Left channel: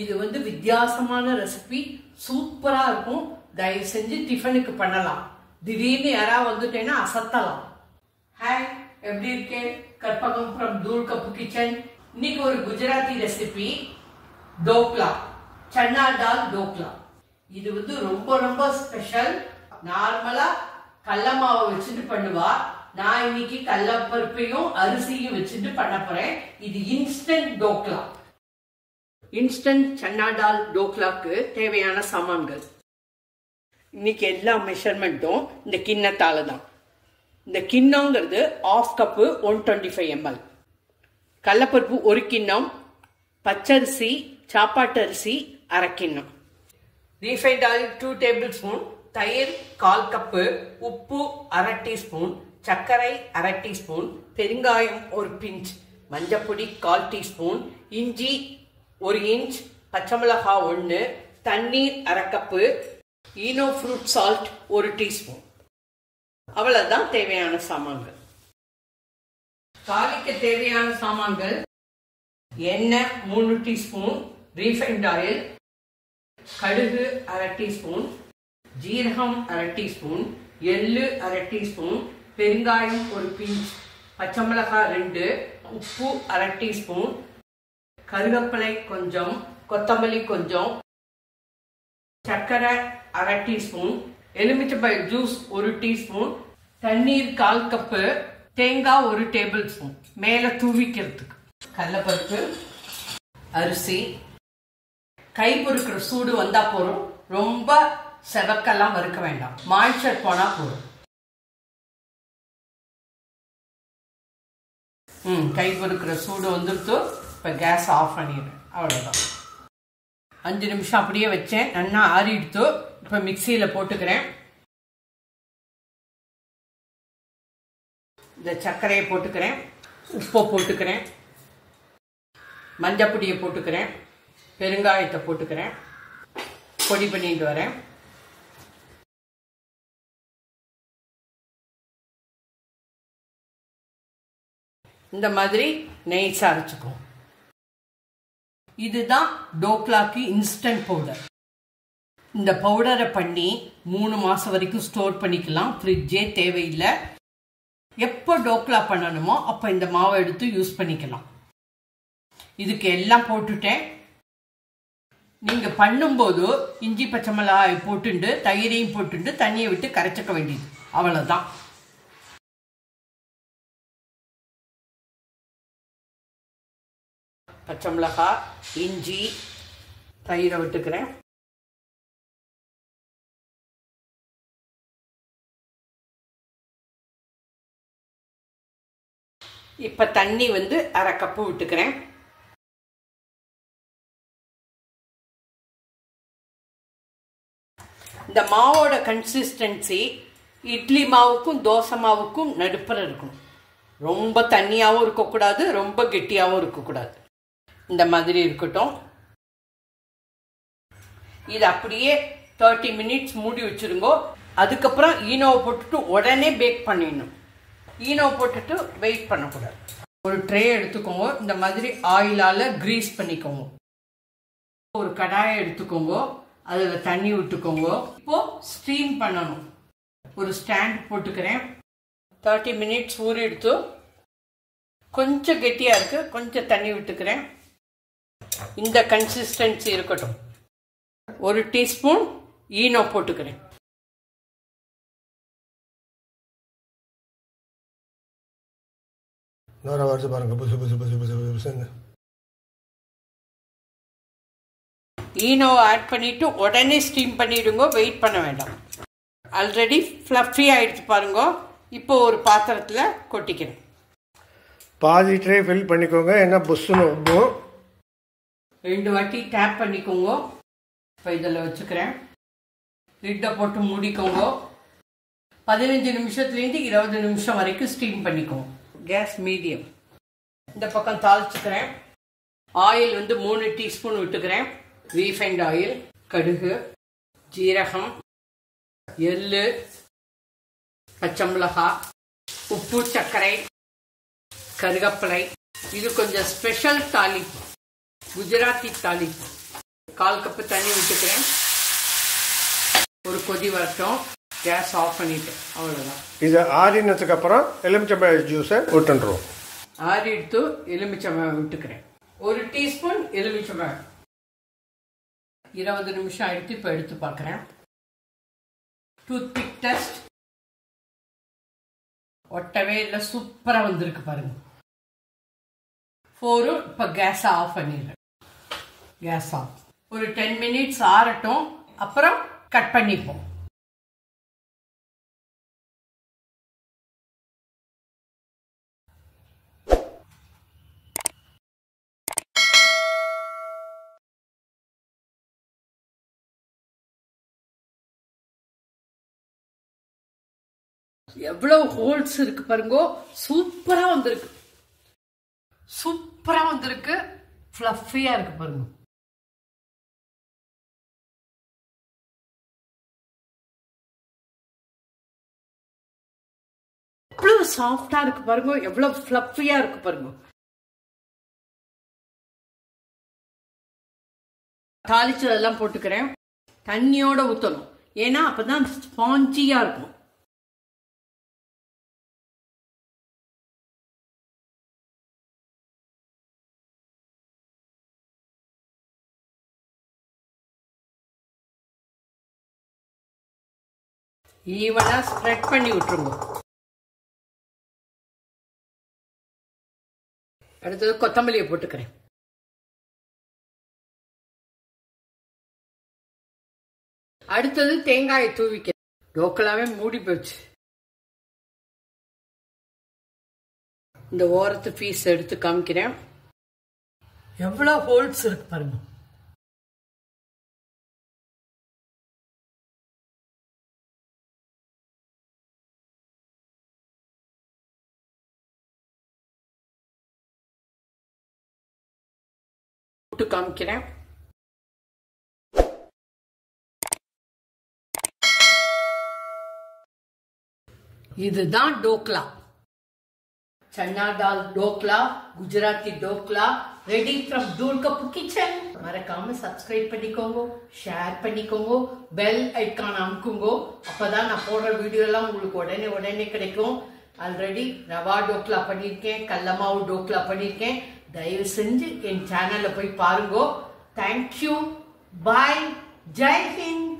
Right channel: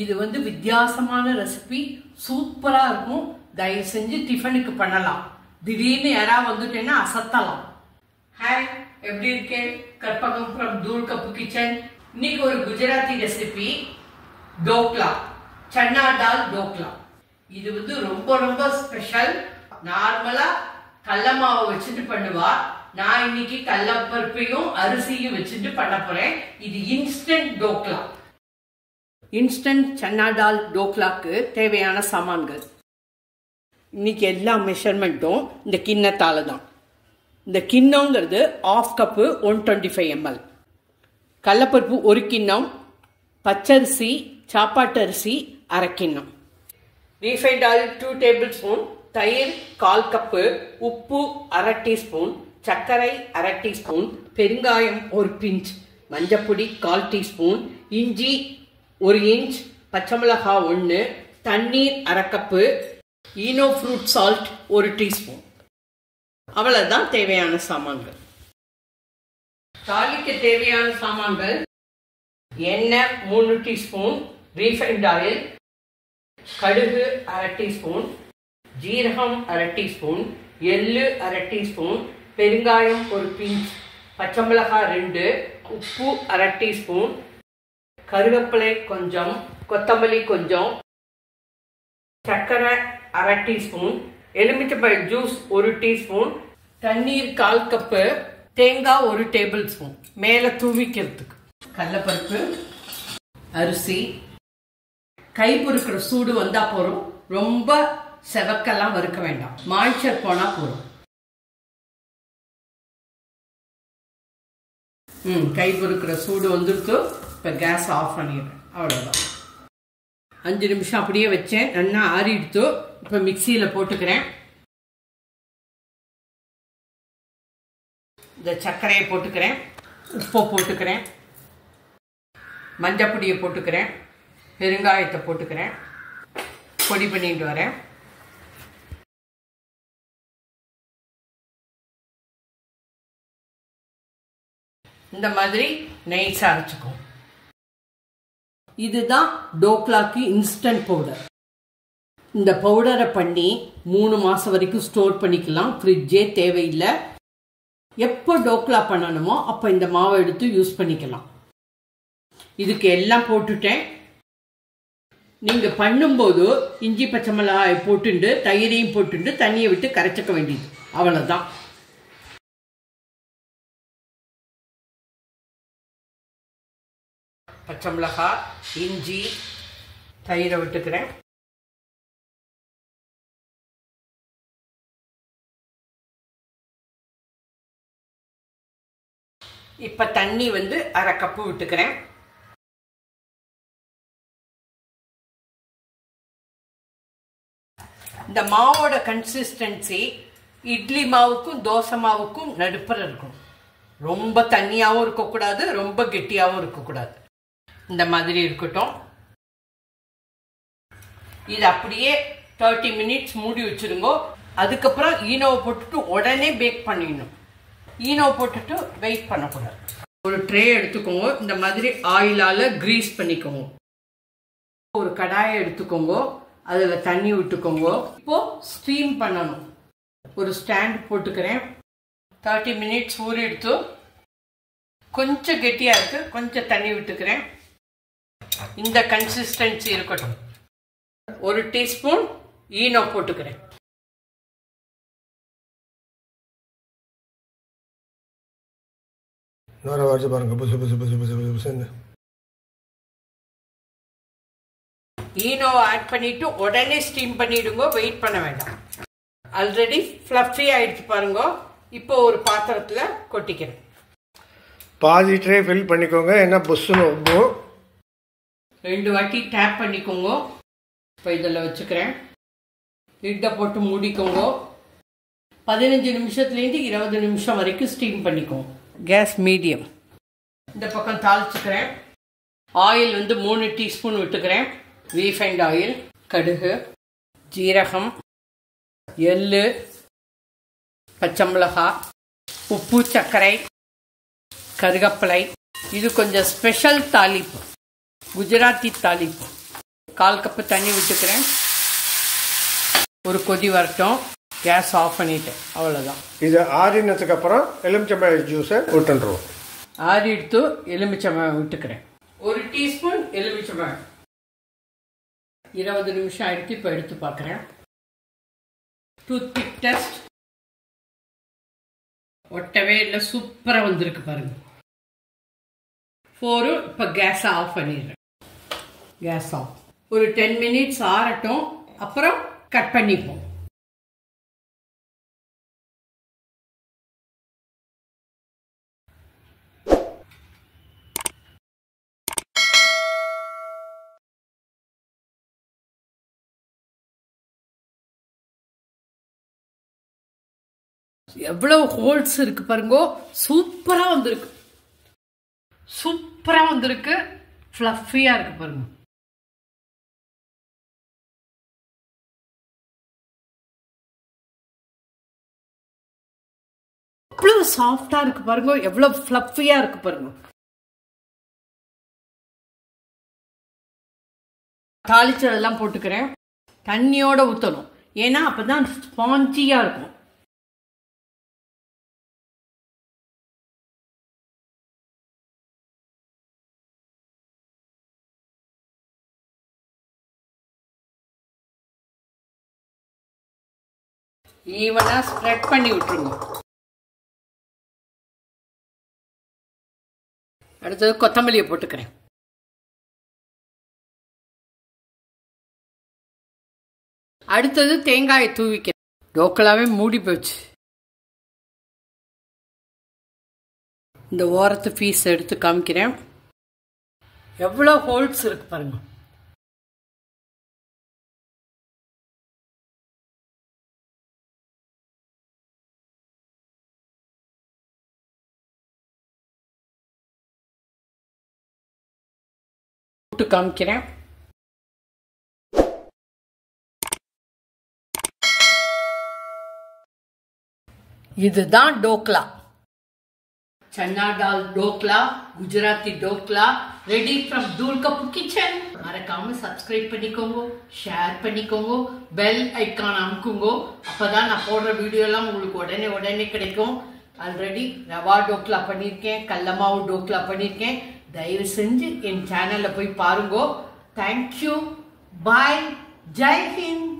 இது வந்து வித்தியாசமான ரெசிபி, சூப்பரா இருக்கும். தயவு செஞ்சு டிஃபனுக்கு பண்ணலாம். திடீர்னு யாராவது வந்துட்டேன்னா அசத்தலாம். ஹாய், எப்படி இருக்கேன்? கற்பகம் ஃப்ரம் தூள் கப்பு கிச்சன். இன்னைக்கு ஒரு குஜராத்தி ரெசிபி, டோக்லா, சன்னா டால் டோக்லா. இது வந்து ரொம்ப ரொம்ப ஸ்பெஷல். நார்மலா கடல மாவை வச்சுட்டு பண்ணுவா. நான் இன்னைக்கு கடலப்பருப்பையும் அரிசியும் வச்சுட்டு பண்ண போறேன். இது இன்ஸ்டன்ட் டோக்லா. இன்ஸ்டன்ட் சன்னா டால் டோக்லாக்கு தேவையான சாமான்கள். இன்னைக்கு எல்லா மெஷர்மெண்ட்டும் இந்த கிண்ணத்தால தான். இந்த கிண்ணங்கிறது 1/2 கப்பு 125 ml. கடலப்பருப்பு 1 கிண்ணம், பச்சரிசி சாப்பாட்டு அரிசி 1/2 கிண்ணம், ரீஃபைண்ட் ஆயில் 2 டேபிள் ஸ்பூன், தயிர் 1/4 கப்பு, உப்பு 1/2 டீஸ்பூன், சர்க்கரை 1/2 டீஸ்பூன், பெருங்காயம் 1 பிஞ்ச், மஞ்சப்பொடி 1/4 டீஸ்பூன், இஞ்சி 1 இன்ச், பச்சை மிளகாய் 1, தண்ணீர் 1/2 cup, Eno fruit salt 1 teaspoon. அவ்வளவுதான் தேவையான சாமான்கள். தாளிக்க தேவையான சாமான்கள்: எண்ணெய் 3 டீஸ்பூன், ரீஃபைண்ட் ஆயில், கடுகு 1/2 டீஸ்பூன், ஜீரகம் 1/2 டீஸ்பூன், எள்ளு 1/2 டீஸ்பூன், பெருங்காயம் 1 பிஞ்ச், பச்சை மிளகாய் 2, உப்பு 1/2 டீஸ்பூன், கருவேப்பிலை கொஞ்சம், கொத்தமல்லி கொஞ்சம், சர்க்கரை 1/2 டீஸ்பூன், எலுமிச்சை ஜூஸ் 1 டீஸ்பூன், தண்ணீர் 1/4 கப்பு, தேங்காய் 1 டேபிள் ஸ்பூன் மேல தூவிக்கிறதுக்கு. கடலைப்பருப்பு, அரிசி கை பொறுக்கிற சூடு வந்தா போறோம். ரொம்ப செவக்கெல்லாம் வறுக்க வேண்டாம். மாய்ச்சர் போனா போறோம். கை பொறுக்கிற சூடு வந்துட்டு இப்ப கேஸ் ஆஃப் பண்ணிடுறேன். அவ்வளவுதான். 5 நிமிஷம் அப்படியே வச்சேன். நல்லா ஆறிடுத்து. இப்ப மிக்சியில போட்டுக்கிறேன். இந்த சர்க்கரையை போட்டுக்கிறேன், உப்பை போட்டுக்கிறேன், மஞ்சப்பொடியை போட்டுக்கிறேன், பெருங்காயத்தை போட்டுக்கிறேன், பொடி பண்ணிட்டு வரேன். இந்த மாதிரி நைஸா அரைச்சுக்கும். இதுதான் டோக்லாக்கு இன்ஸ்டன்ட் பவுடர். இந்த பவுடரை பண்ணி 3 மாசம் வரைக்கும் ஸ்டோர் பண்ணிக்கலாம். ஃப்ரிட்ஜே தேவையில்லை. எப்போ டோக்லா பண்ணணுமோ அப்ப இந்த மாவை எடுத்து யூஸ் பண்ணிக்கலாம். இதுக்கு எல்லாம் போட்டுட்டேன். நீங்க பண்ணும்போது இஞ்சி பச்சை மிளகாய் போட்டுண்டு தயிரையும் போட்டுண்டு தண்ணியை விட்டு கரைச்சிக்க வேண்டியது. அவ்வளவுதான். பச்சை மிளகாய், இஞ்சி, தயிரை விட்டுக்கிறேன். இப்ப தண்ணி வந்து 1/2 கப்பு விட்டுக்கிறேன். இந்த மாவோட கன்சிஸ்டன்சி இட்லி மாவுக்கும் தோசை மாவுக்கும் நடுப்புற இருக்கும். ரொம்ப தண்ணியாவும் இருக்கக்கூடாது, ரொம்ப கெட்டியாவும் இருக்கக்கூடாது. இந்த மாதிரி இருக்கட்டும். இது அப்படியே 30 மினிட்ஸ் மூடி வச்சிருங்க. அதுக்கப்புறம் ஈனோவை போட்டுட்டு உடனே பேக் பண்ணிடணும். ஈனோவை போட்டுட்டு வெயிட் பண்ணக்கூடாது. ஒரு ட்ரே எடுத்துக்கோங்க. இந்த மாதிரி ஆயிலால கிரீஸ் பண்ணிக்கோங்க. ஒரு கடாயை எடுத்துக்கோங்க. அதுல தண்ணி விட்டுக்கோங்க. இப்போ ஸ்டீம் பண்ணணும். ஒரு ஸ்டாண்ட் போட்டுக்கிறேன். 30 மினிட்ஸ் ஊறி எடுத்து கொஞ்சம் கெட்டியா இருக்கு. கொஞ்சம் தண்ணி விட்டுக்கிறேன். இந்த கன்சிஸ்டன்சி இருக்கட்டும். 1 டீஸ்பூன் ஈனோ போட்டுக்கிறேன். ஈனோ ஆட் பண்ணிட்டு உடனே ஸ்டீம் பண்ணிடுங்க. வெயிட் பண்ண வேண்டாம். ஆல்ரெடி ஃப்ளஃபி ஆயிடுச்சு பாருங்க. இப்போ ஒரு பாத்திரத்துல கொட்டிக்கிறேன். பாதி ட்ரே ஃபில் பண்ணிக்கோங்க. என்ன புஷ்ஷுன்னு உப்பும் 2 வாட்டி டேப் பண்ணிக்கோங்க. இப்போ இதில் வச்சுக்கிறேன். லிட்டை போட்டு மூடிக்கோங்க. 15 நிமிஷத்துலேருந்து 20 நிமிஷம் வரைக்கும் ஸ்டீம் பண்ணிக்கோங்க. Gas medium. இந்த பக்கம் தாளிச்சுக்கிறேன். ஆயில் வந்து 3 டீஸ்பூன் விட்டுக்கிறேன். ரீஃபைண்ட் ஆயில், கடுகு, ஜீரகம், எள்ளு, பச்சை மிளகாய், உப்பு, சர்க்கரை, கருவேப்பிலை. இது கொஞ்சம் ஸ்பெஷல் தாளிப்பு, குஜராத்தி தாளிப்பு. 1/4 கப் தண்ணி விட்டுக்கிறேன். ஒரு கொதி வரட்டும். கேஸ் ஆஃப் பண்ணிட்டேன். அவ்வளோதான். இது ஆறினதுக்கு அப்புறம் எலுமிச்சம்பழம் ஜூஸை விட்டுருவோம். ஆறி எடுத்து எலுமிச்சம்பழம் விட்டுக்கிறேன். 1 டீஸ்பூன் எலுமிச்சம்பழம். 20 நிமிஷம் ஆயிடுத்து. இப்போ எடுத்து பார்க்குறேன். Toothpick test. ஒட்டவே இல்லை. சூப்பராக வந்திருக்கு பாருங்க. 4. இப்போ கேஸை ஆஃப் பண்ணிடுறேன். Gas off. ஒரு 10 மினிட்ஸ் ஆறட்டும். அப்புறம் கட் பண்ணிப்போம். எவ்வளவு ஹோல்ஸ் இருக்கு பாருங்க. சூப்பரா வந்திருக்கு. சூப்பரா வந்திருக்கு. ஃப்ளஃபியா இருக்கு பாருங்க. எவ்வளவு சாஃப்டா இருக்கு பாருங்க. எவ்வளவு ஃப்ளஃபியா இருக்கு பாருங்க. தாளிச்சதெல்லாம் போட்டுக்கிறேன். தண்ணியோட ஊற்றணும். ஏன்னா அப்பதான் ஸ்பாஞ்சியா இருக்கும். ஈவனா ஸ்ப்ரெட் பண்ணி விட்டுருங்க. அடுத்தது கொத்தமல்லியை போட்டுக்கிறேன். அடுத்தது தேங்காயை தூவிக்கிறேன். டோக்கலாவே மூடி போச்சு. இந்த ஓரத்து பீஸ் எடுத்து காமிக்கிறேன். எவ்வளவு ஹோல்ஸ் இருக்கு பாருங்க. காமிக்கிறேன். இதுதான் டோக்லா. சன்னா டால் டோக்லா, குஜராத்தி டோக்லா ரெடி ஃப்ரம் தூள் கப்பு கிச்சன். மறக்காம சப்ஸ்கிரைப் பண்ணிக்கோங்க, ஷேர் பண்ணிக்கோங்க, பெல் ஐக்கான் அமுக்குங்க. அப்பதான் நான் போடுற வீடியோ எல்லாம் உங்களுக்கு உடனே உடனே கிடைக்கும். ஆல்ரெடி ரவா டோக்லா பண்ணியிருக்கேன், கடலமாவு டோக்லா பண்ணியிருக்கேன். தயவு செஞ்சு என் சேனல்ல போய் பாருங்க. தேங்க்யூ. பாய். ஜெய் ஹிந்த்.